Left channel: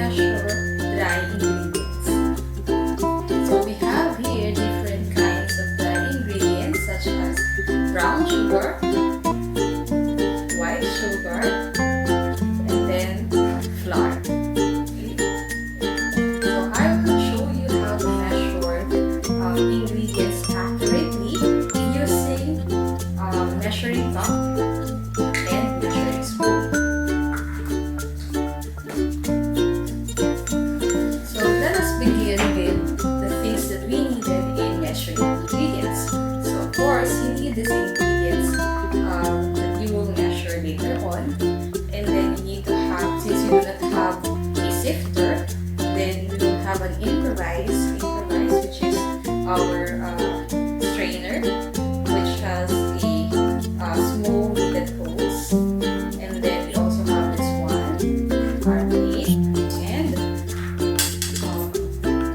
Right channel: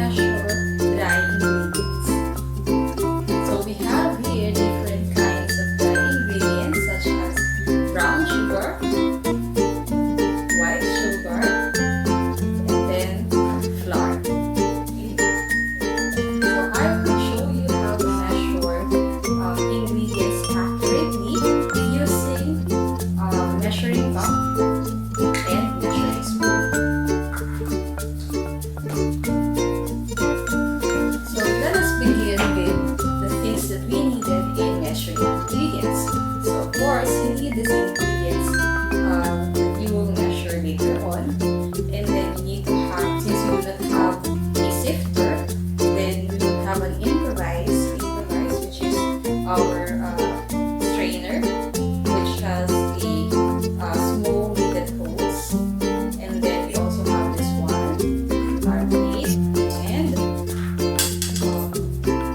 measure dry ingredients. So we have here different kinds of dry ingredients such as brown sugar, white sugar, and then flour. Okay. So I will show you how to measure ingredients accurately using measuring cup and measuring spoon. So let us begin with the things that we needed in measuring ingredients. So of course, you need these ingredients that you will measure later on. And then you need to have, since you do not have a sifter, then we will have an improvise which is our strainer, which has the small needed holes. And then we also have this one, our plate, and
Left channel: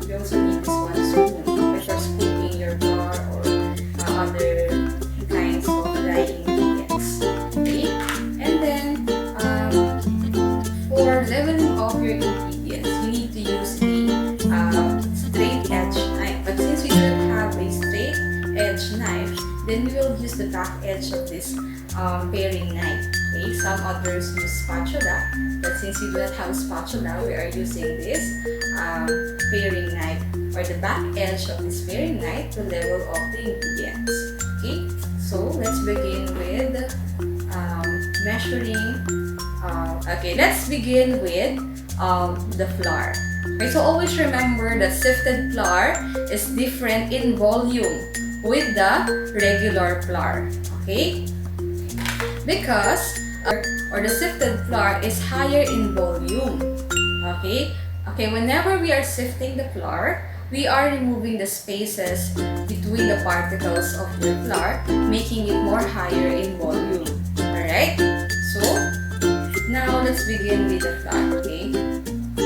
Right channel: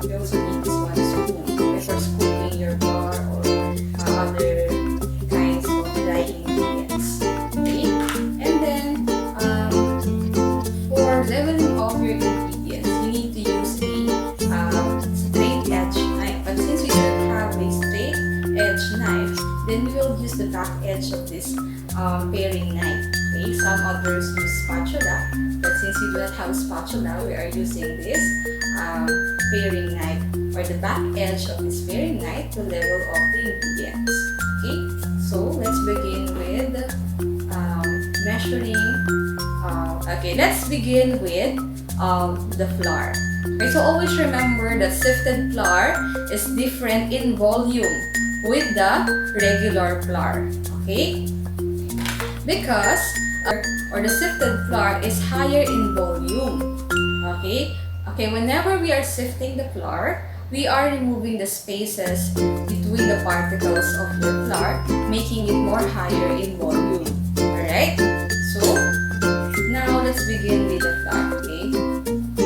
we also need this one, spoon, for scooping your flour or other kinds of dry ingredients. Okay, and then for leveling off your ingredients, you need to use a straight edge knife. But since we don't have a straight edge knife, then we will use the back edge of this paring knife. Okay, some others use spatula, but since we do not have spatula, we are using this paring knife or the back edge of this paring knife to level off the ingredients. Okay, so let's begin with measuring. Let's begin with the flour. Okay, so always remember that sifted flour is different in volume with the regular flour. Okay, because the sifted flour is higher in volume. Okay, whenever we are sifting the flour, we are removing the spaces between the particles of your flour, making it more higher in volume. Alright, so now let's begin with the flour. Okay,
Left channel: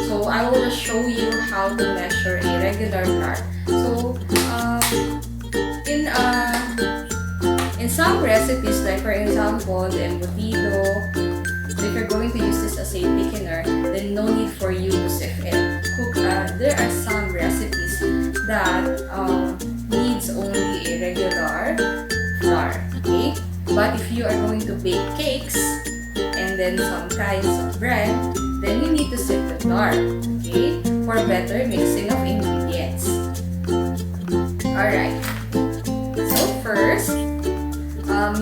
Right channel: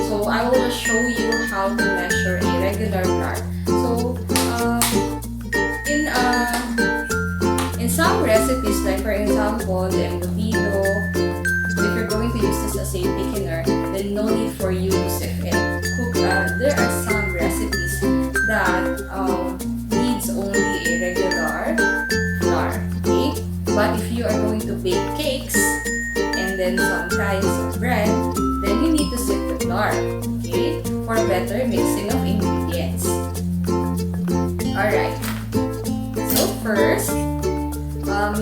so I will just show you how to measure a regular flour. So in some recipes, like for example the embutido, if you're going to use this as a thickener, then no need for you to sift it. There are some recipes that needs only a regular flour. Okay, but if you are going to bake cakes and then some kinds of bread, then you need to sift the flour. Okay, for better mixing of ingredients. Alright, so first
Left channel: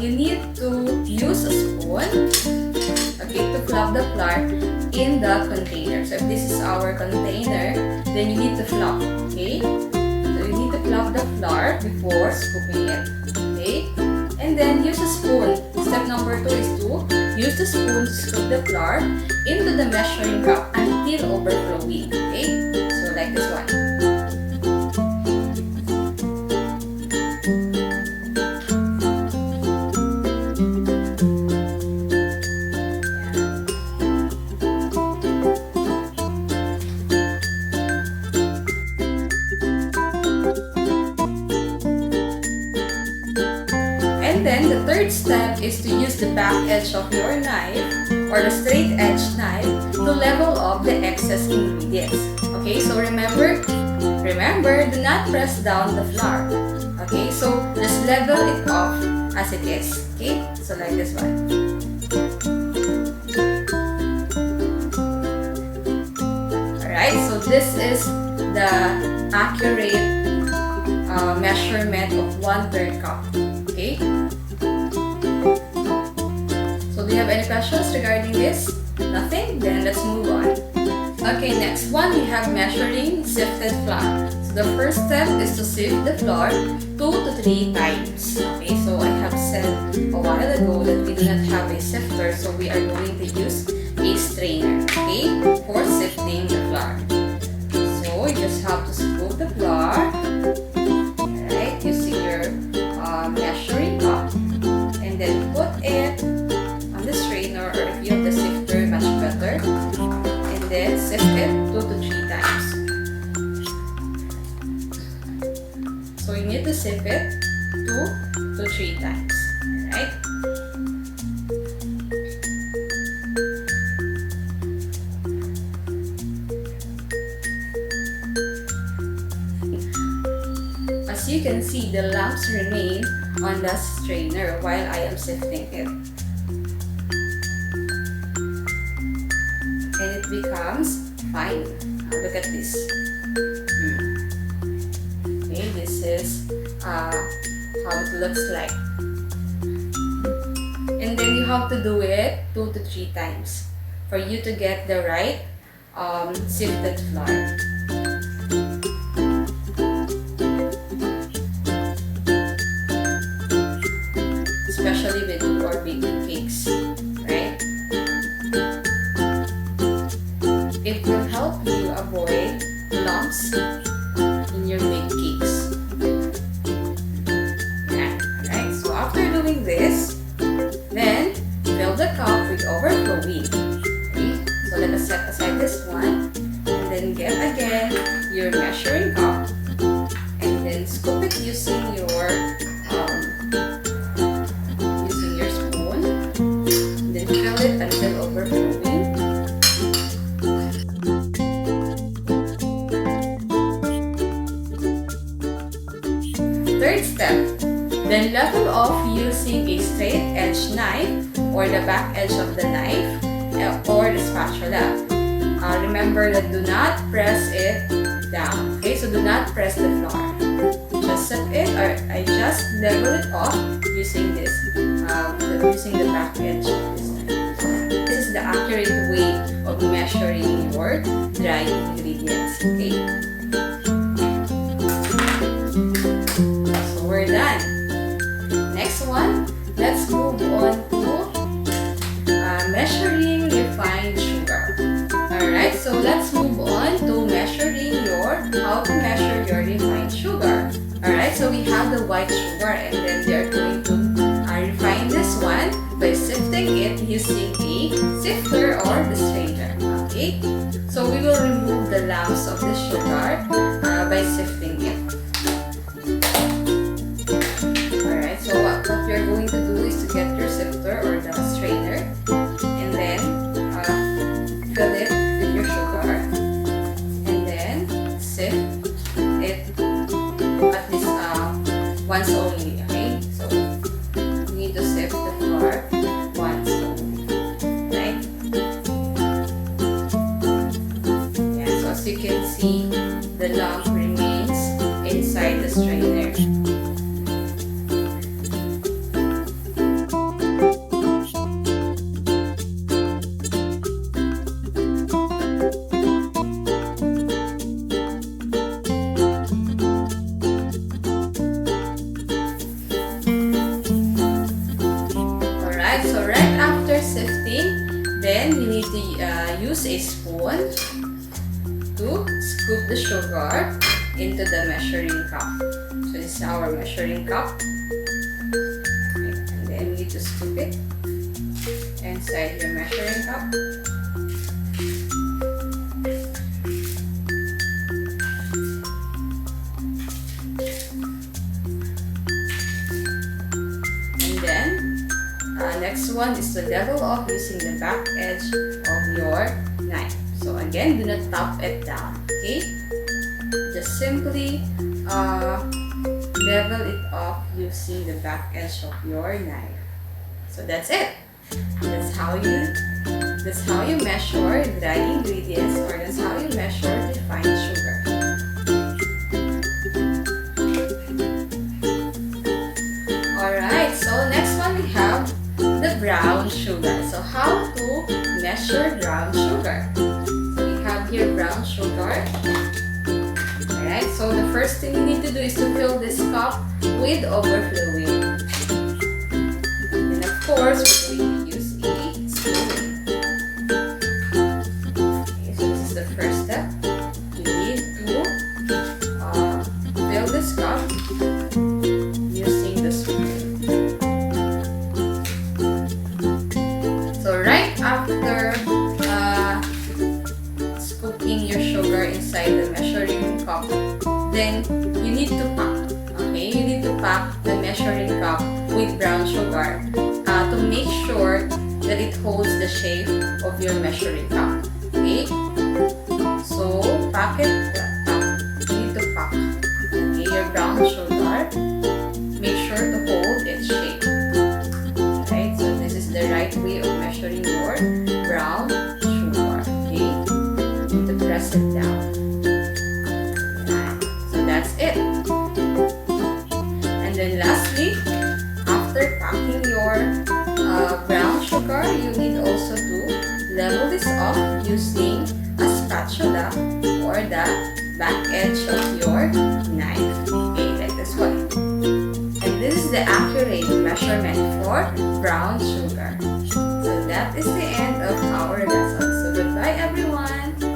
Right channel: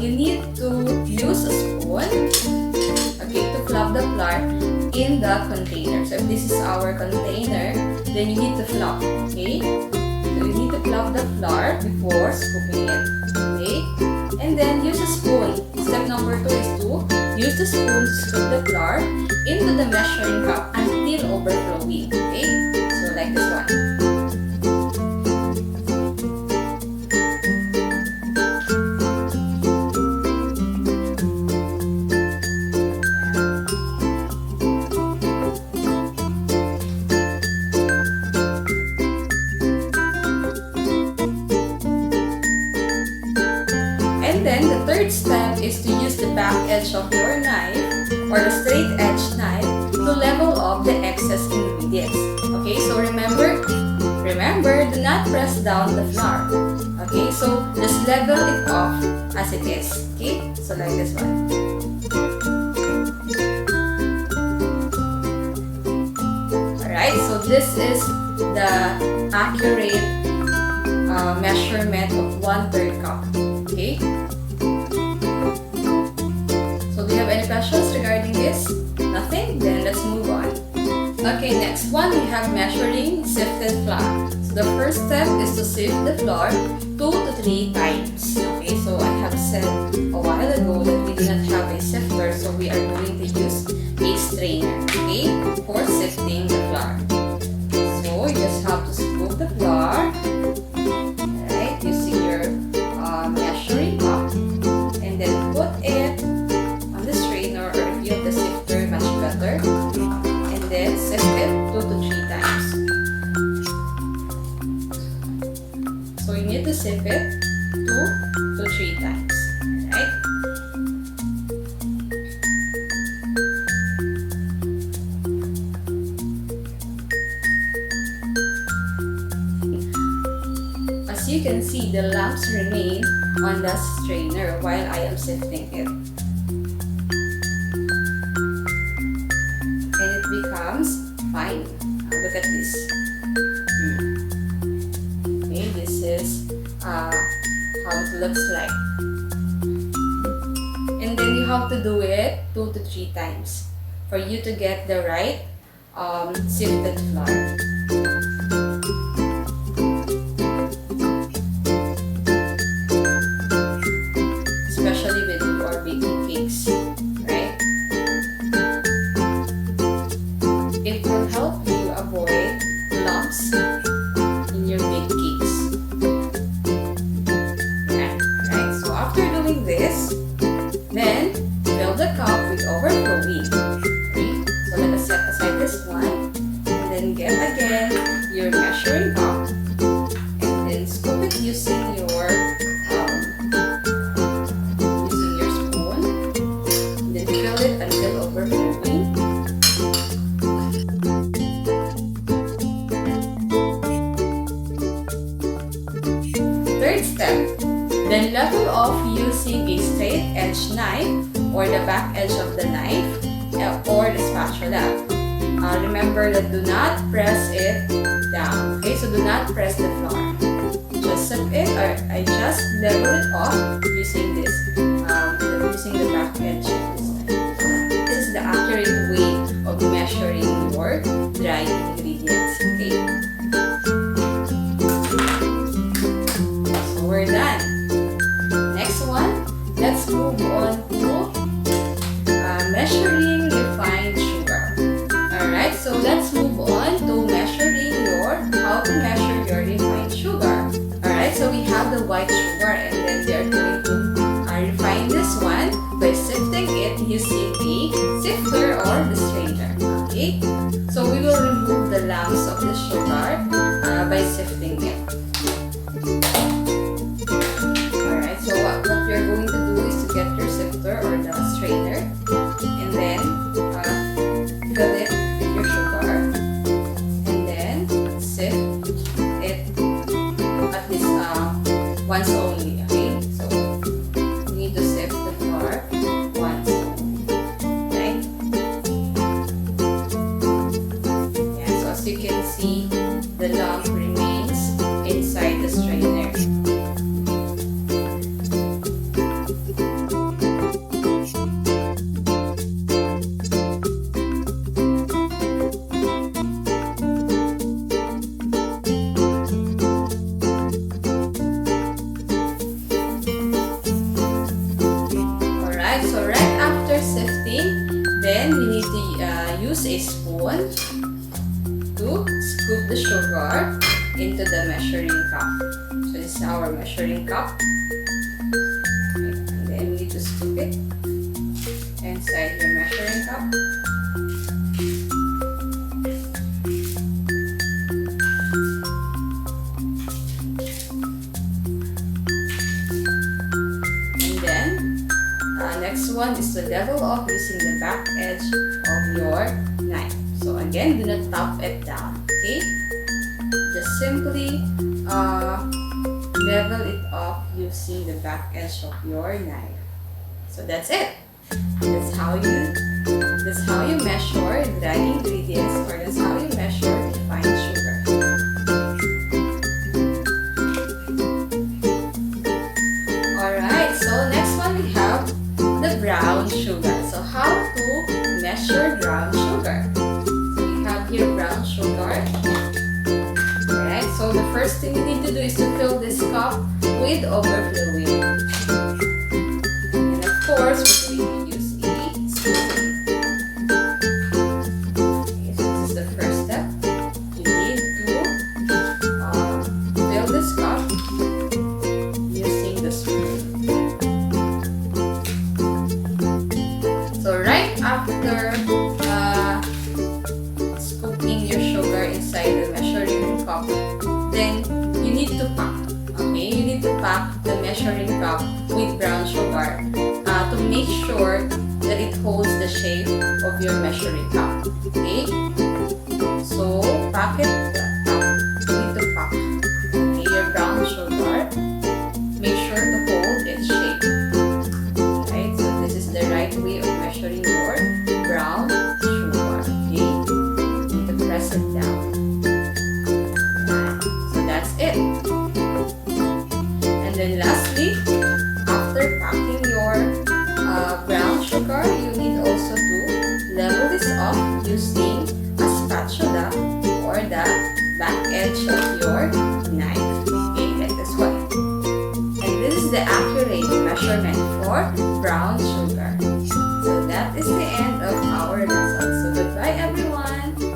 you need to use a spoon, okay, to flop the flour in the container. So if this is our container, then you need to flop. Okay, so you need to flop the flour before scooping it. Okay, and then use a spoon. Step number 2 is to use the spoon to scoop the flour into the measuring cup until overflowing. Okay, so like this one. And then the third step is to use the back edge of your knife or the straight edge knife to level off the excess ingredients. Okay, so remember, do not press down the flour. Okay, so just level it off as it is. Okay, so like this one. Alright, so this is the accurate measurement of 1/3 cup. Okay, so do you have any questions regarding this? Nothing? Then let's move on. Okay, next one we have measuring sifted flour. So the first step is to sift the flour 2 to 3 times. Okay, so I have said a while ago that we do not have a sifter, so we are going to use a strainer, okay, for sifting the flour. So you just have to scoop the flour, right, using your measuring cup, and then put it on the strainer, or if you have the sifter, much better, and then sift it 2 to 3 times. So you need to sift it 2 to 3 times, right? as you can see, the lumps remain on the strainer while I am sifting it. And it becomes fine. Look at this. Okay, this is how it looks like. And then you have to do it 2 to 3 times for you to get the right sifted flour. Especially when you are baking cakes, right? It will help you avoid lumps in your baked cakes. Yeah, alright, so after doing this, then fill the cup with overflowing. Okay, so let us set aside this one, and then get again your measuring cup, and then scoop it using your spoon, and then fill it until overflowing. Third step, then level off using a straight edge knife or the back edge of the knife or the spatula. Remember that do not press it down. Okay, so do not press the flour. Just set it, or I just level it off using this, using the back edge of this knife. This is the accurate way of measuring your dry ingredients. Okay. We're done. Next one, let's move on to measuring refined sugar. Alright, so let's move on to measuring how to measure your refined sugar. Alright, so we have the white sugar, and then we are going to refine this one by sifting it using a sifter or the strainer. Okay, so we will remove the lumps of the sugar by sifting it. So what you're going to do is to get your sifter or the strainer, and then fill it with your sugar, and then sift it at this once only. Okay, so you need to sift the flour once only, right? Yeah. So as you can see, the lump remains inside the strainer. So right after sifting, then you need to use a spoon to scoop the sugar into the measuring cup. So this is our measuring cup. Okay, and then you need to scoop it inside your measuring cup. Next one is to level off using the back edge of your knife. So again, do not tap it down, okay? Just simply level it off using the back edge of your knife. So that's it. That's how you measure dry ingredients, or that's how you measure refined sugar. Alright, so next one we have the brown sugar. So how to measure brown sugar? So we have here brown sugar. Alright, so the first thing you need to do is to fill this cup with overflowing. And of course, we're going to use a spoon. Okay, so this is the first step. You need to fill this cup using the spoon. So right after scooping your sugar inside the measuring cup, then you need to pack. Okay, you need to pack the measuring cup with brown sugar to make sure that it holds the shape of your measuring cup. Okay, so pack it. You need to pack. Okay, your brown brown sugar, make sure to hold its shape. Right? So this is the right way of measuring your brown sugar. Okay? You need to press it down. Right. So that's it. And then lastly, after packing your brown sugar, you need also to level this off using a spatula or the back edge of your knife. Okay, like this one. And this is the accurate measurement for brown sugar. So that is the end of our lesson. So goodbye everyone!